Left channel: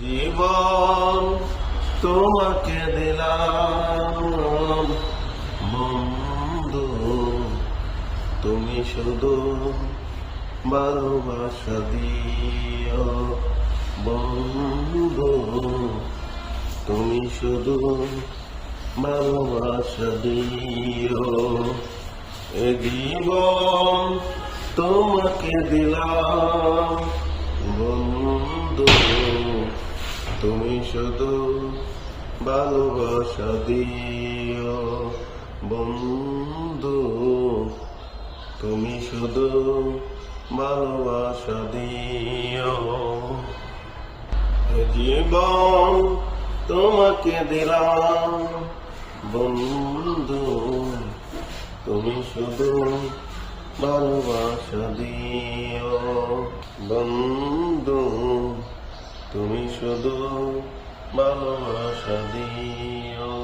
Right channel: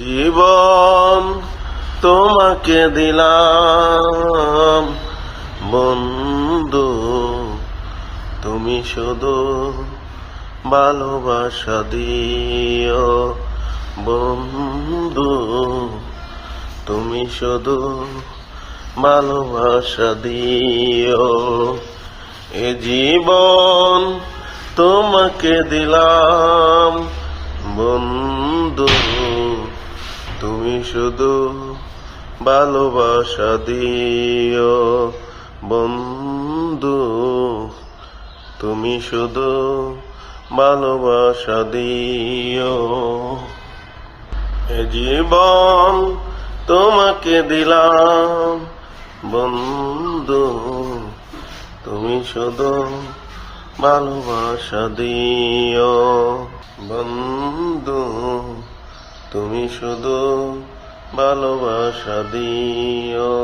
জীবন তোমাকে দিলাম বন্ধু, তুমি শুধু ভালোবাসা দিও বন্ধু, তুমি শুধু ভালোবাসা দিও। এ জীবন তোমাকে দিলাম বন্ধু, তুমি শুধু ভালোবাসা দিও বন্ধু, তুমি শুধু ভালোবাসা দিও। এ জীবন তোমাকে দিলাম বন্ধু, তুমি শুধু ভালোবাসা দিও বন্ধু, তুমি শুধু ভালোবাসা দিও।